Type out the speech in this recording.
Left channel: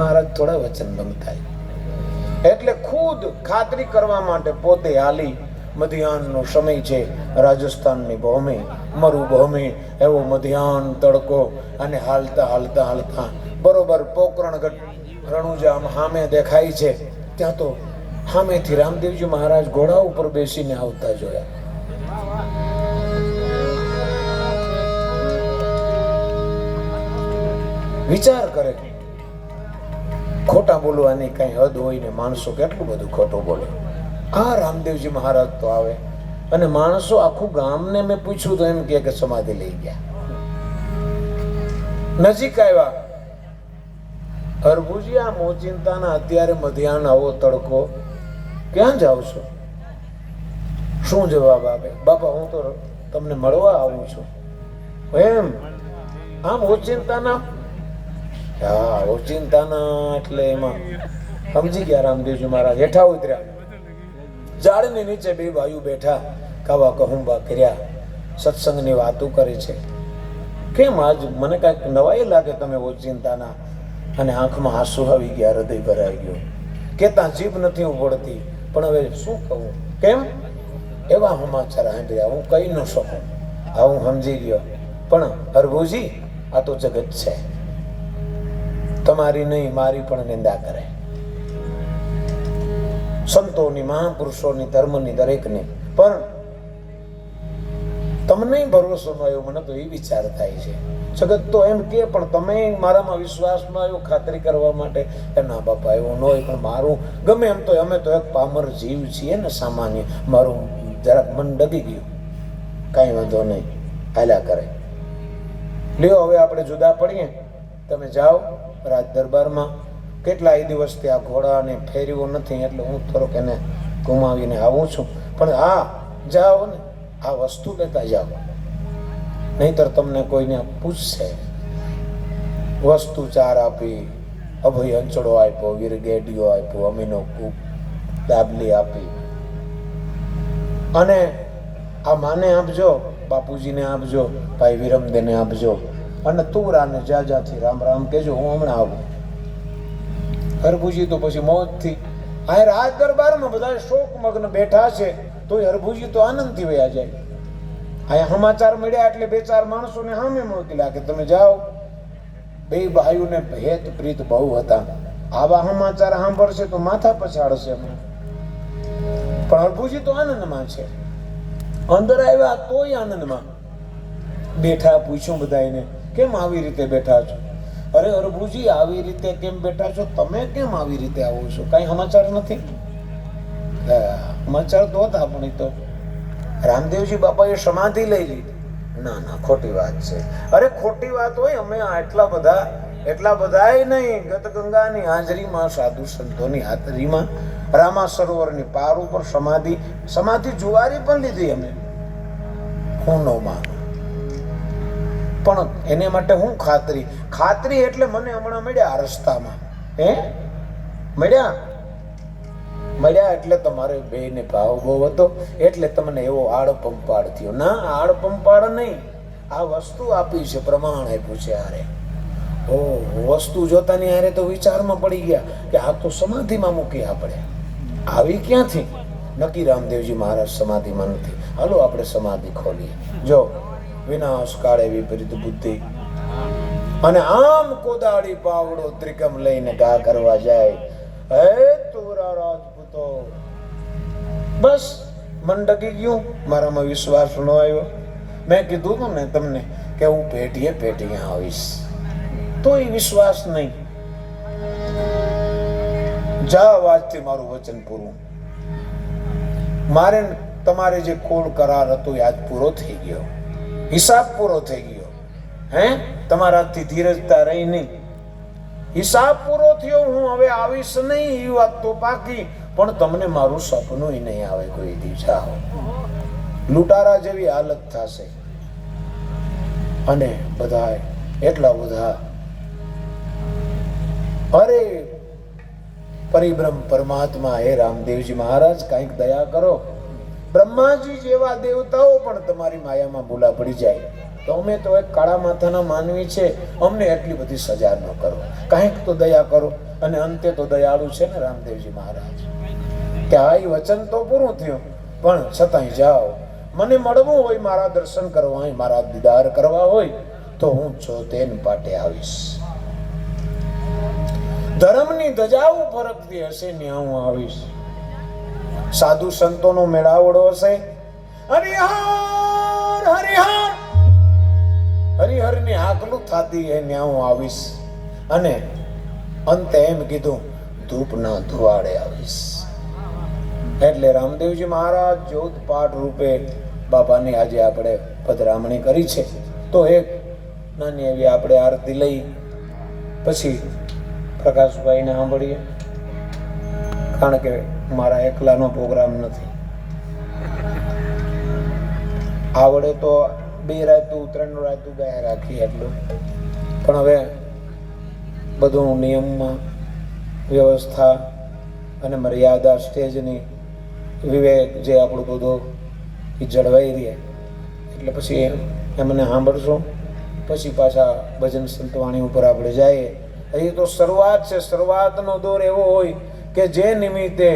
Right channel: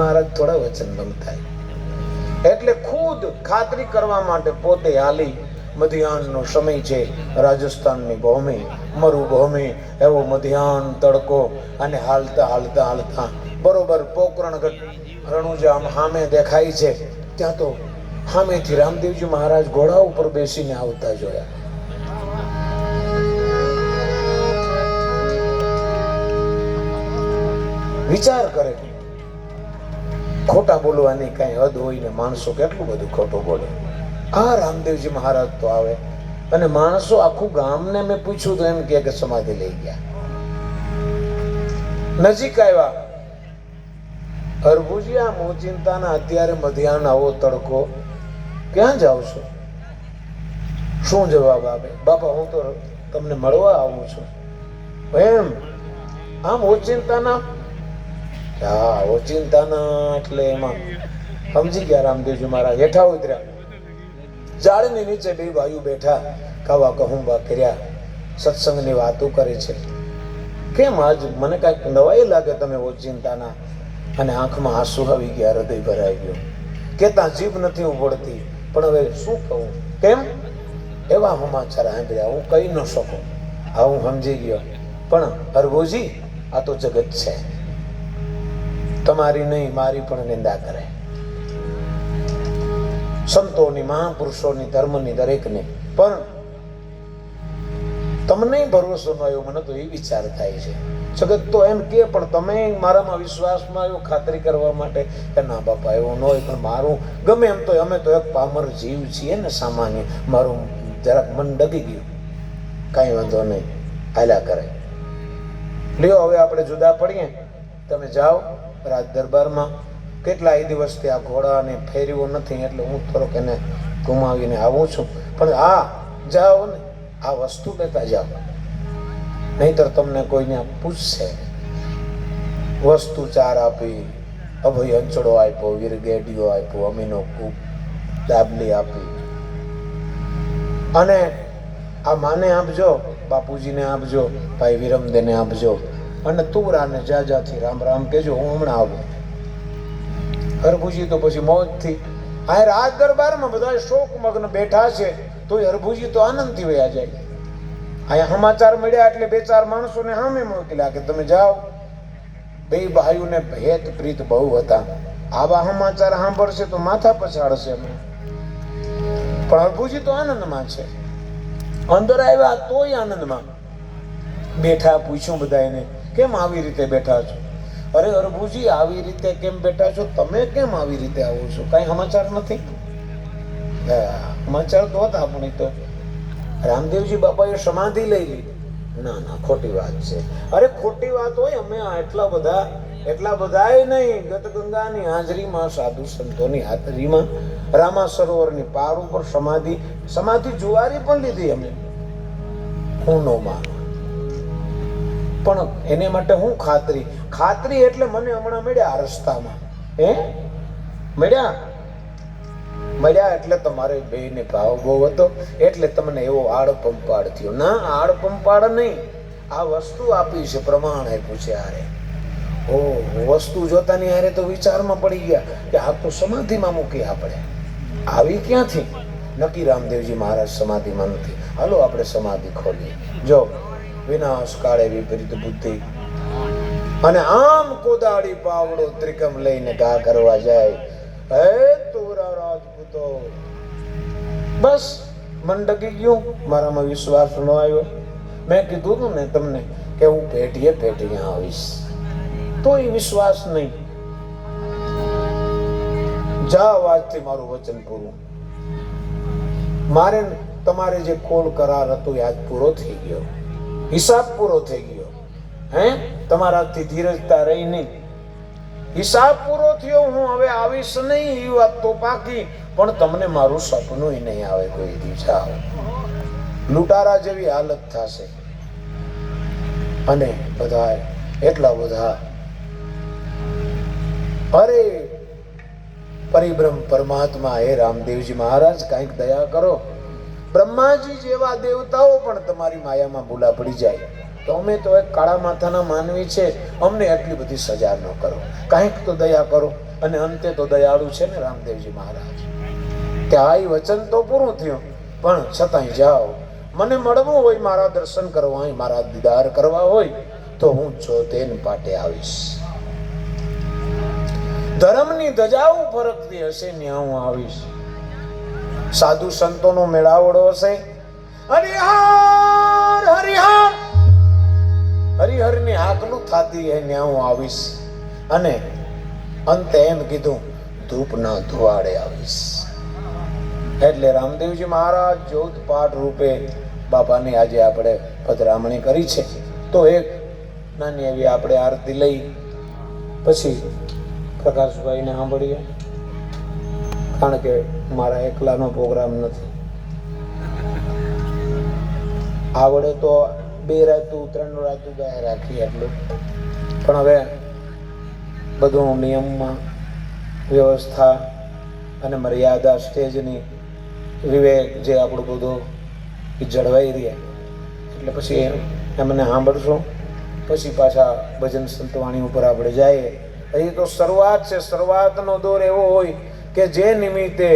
મહારાજ થોડા વચનબંધ થાય એટલે ખુદ ખાતરી કરવા માટે પોતે હાલી. મધ્યાહનનો સમય છે, રાજસ્થાનની ભૂમિ મરુભૂમિ, એવો મધ્યાહન તડકો, અને હાલતા હાલતા હાલતા બરોબર પોકરણગઢ રણુજા સામે દેખાય છે. ત્યાં તો સામેથી રામદેવજી મહારાજ ઘોડા ઉપર બેસીને આવતા જોયા. વિચાર કરે, ખોટા બોલવાની કઈ હદ હોય ને માણસો કેટલું બધું ખોટું બોલે. આ રામદેવજી મહારાજ તો આવે અને માણસો આખું ગામને મેં પૂછ્યું તો એમ કે સમાધિ લઈ ગયા. નજીક આવ્યા, હરભુજી આ મોચિંતાના અત્યારે મધ્યાહન આવો તડકો, ક્યાં જાવ છો? શું જવાબ આપે? બાપા હું તો તમને મળવા આવું છું. એમ? આમ ઓચિંતાના? હા, ઓચિંતાના એટલે એમાં સમજી ગયા રામદેવજી મહારાજ. હેઠા ઉતર્યા, ઝાડની નીચે બે ભાઈઓ બેઠા, કાવા કહુંબા કર્યા, સત્સંગની વાતો કરે છે. કેમ આજ મને કાંઈક નવાઈ લાગે તમે ઓચિંતાના? અને આંખમાં આંસુ આવી ગયા, હૃદય ભરાઈ ગયું. કેતા જીભ નથી ઉભળતી, પણ હવે શું કહું? કેમ? એવા સમાચાર સાંભળ્યા, હું કહી ન શકું. હા, હું સમજી ગયો, પણ હરભુજી આ તો જગત છે, તમારી નહીં મારી પણ નિંદા કરે. સંતોની, મહાપુરુષોની, ધર્મની, દરેકની. પણ તમને ભરોસો ન આવ્યો, મને તો એ વિચાર થાય છે. જગત તો એમ કે, પણ તમે મારામાં વિશ્વાસ ન આવ્યો ખાતરી કરવા માટે કે ના બાપા એવું ન હોય. પણ મારું ગમે એમ તો અમે તો એક પામર જીવ છીએ ને, સામાન્ય. મારું જરાક મન ડગી ગયું. કાંઈ વાંધો નહીં, હાલ્યા કરે. લ્યો હવે આપણે જુદા પડીએ. તમે જાઓ રાજ દરબારમાં. કેટલાય દિવસથી આ ઘોડાને ફેરવ્યો નથી, એટલે હું થોડોક એને ગુમાવીને આવું છું. પણ હા, જાઓ ને, આ વસ્તુ લેતા જાઓ, નહીતર તમને કોઈને પૂછશે. વસ્તુ ચાર આપી, અભય અંચળો આપ્યો, વીરગેડીઓ આપ્યો, અમીનો કૂપ, દાબલી આપી. અને આ માને આપજો, બાપુજીને આપજો, ભાઈ વિરમદેને આપજો, અને તુરાને જાજાથી રામ રામ કહેજો, હું હમણાં આવું. હરભુજી તો પછી મોજથી આ રાજ દરબારમાં બધા શોકમગ્ન બેઠા છે, તો હરભુજી તો આનંદથી વયા જાય. અહીંયા સમાચાર મળ્યા એટલે બે ચાર માણસોને સામે મોકલ્યા કે તમે જાઓ. બે ભાઈઓને હેત પ્રીત બહુ હતા. આવા સમાચાર સાંભળશે તો માથા પછાડશે. પણ હરભુજી તો આનંદમાં છે. અંદર આવ્યા તોય આનંદમાં બેઠા. પૂછ્યું બધા એને, કેમ આવી રીતે બેઠા છો? અરે હરભુજી, આવી રીતે કેમ બેઠા છો? તમે કેમ આવી રીતે આવો છો? કઈ સમાચાર નથી? સમાચાર તો હતા, પણ તો રામદેવજી બાપાએ સમાધિ લઈ લીધી. ના ના, ખોટી વાત છે. અરે ખોટી વાત હોય, અમે એટલા બધા નહીં. ગતગંગાની હાજરીમાં, સાધુ સંતોની હાજરીમાં, રામા સરોવરની પાર ઉપર સમાધિ જુવારી પણ લીધી અમે. હું નો માનું, પણ એને માટે હું ખાતરી એટલે મને હમણાં મળ્યા રસ્તામાં. મળ્યા એટલે તમારે બેને ભાવ બહુ હતો, એટલે તમને એવો આડ પંપાડ થયો. ના, આડ પંપાડ નહીં, આ વસ્તુ આપી છે, પ્રમાણ આપ્યું છે. હારે વસ્તુ જોતાની હારે તો વિચારમાં પડી ગયા કે આ તો સમાધિમાં મૂકી. આપણે આવી ક્યાંથી? નક્કી રામદેવજી મહારાજ સમાધિમાં નથી. હાલો આપણે સમાધિ ખોલીએ. જો વિનાશ કાળે વિપરીત બુદ્ધિ, અને આમ કોદાળી પાવડો ત્રિકમ લઈને ઘા કરવા જાય. હે તુરા રાજપૂતો, બસ મન ડગી ગયું, મારામાં વિશ્વાસ ન આવ્યો. મેં કીધું હતું ને તમને કે હું પેટીએ આવીશ, તોય વિશ્વાસ નહીં. જાઓ, આજથી મારું વચન પૂરું. મારે તમારે જે કોડ કરાર હતો આજ પૂરો થઈ ગયો, હિસાબ પૂરો થઈ ગયો. તમારાથી ધીરજતા રહી નહીં, હિસાબ પૂરો થયો. હું હવે આવીશ નહીં, એ વાત તો પાકી. પણ તમને મારું સપનું નહીં આવે કોઈ દી. જાઓ, લૂંટારા જેવી હાલત થશે. અને બધા એટલા બધા, અરે પરિબ્રહ્મ પરમાત્મા, હે રામદેવજી મહારાજ કંઈક દયા કરો. બ્રહ્માજી જેવા દેવતાઓ પણ તમારી માયામાં ભૂલા પડી જાય. તો અમે તો એક કાળા માથાના માનવી છે, અમને એટલી બધી સજા ન કરો, કાંઈક તો દયા કરો. અને અંતે તો દયાળુ છે ને રામદેવજી મહારાજ, કે આ વચન તો પૂરું થયું, પણ છતાંય જાઓ, મને મળવું હોય, મારા દર્શન કરવા હોય, મારા દીદાર કરવા હોય તો હું ચોતેન પાટે આવીશ. ધર્મની ધજાઓ ફરકતી હશે ત્યાં હું આવીશ. સાધુ સંતોનો મેળાવડો હશે, હરિહર હરિહર હરિહરની હાકલું થતી હે ત્યાં હું આવીશ. અને અંતે એમ કીધું, ધૂપના ધુવાડે આવીશ. એટલે રામદેવજી મહારાજ જ્યોત પાઠ રૂપે બાપાની આજે આપણે પધરામણી કરી છે. તો એક નાની એવી આપણે આરતી લઈ પછી પ્રકાશભાઈને સાંભળીએ, કારણ કે મારા એકલાનો પ્રોગ્રામ નથી. આવડે તો 2 રાતું 3 રાતું ગાય રાખીએ એટલું, પણ હવે બધું નિયમમાં વ્યવસ્થા અને મર્યાદા સ્ટેજની વિવેક જે આપણું બધું જળવાઈ રહે, એટલે પછી એમને સાંભળશું, પછી પાછા ભજન સંતવાણી ઉપર આપણે જઈએ. હજી તો શરૂઆત છે. શરૂઆતનો દોર એવો હોય કે જે નિમિત્તે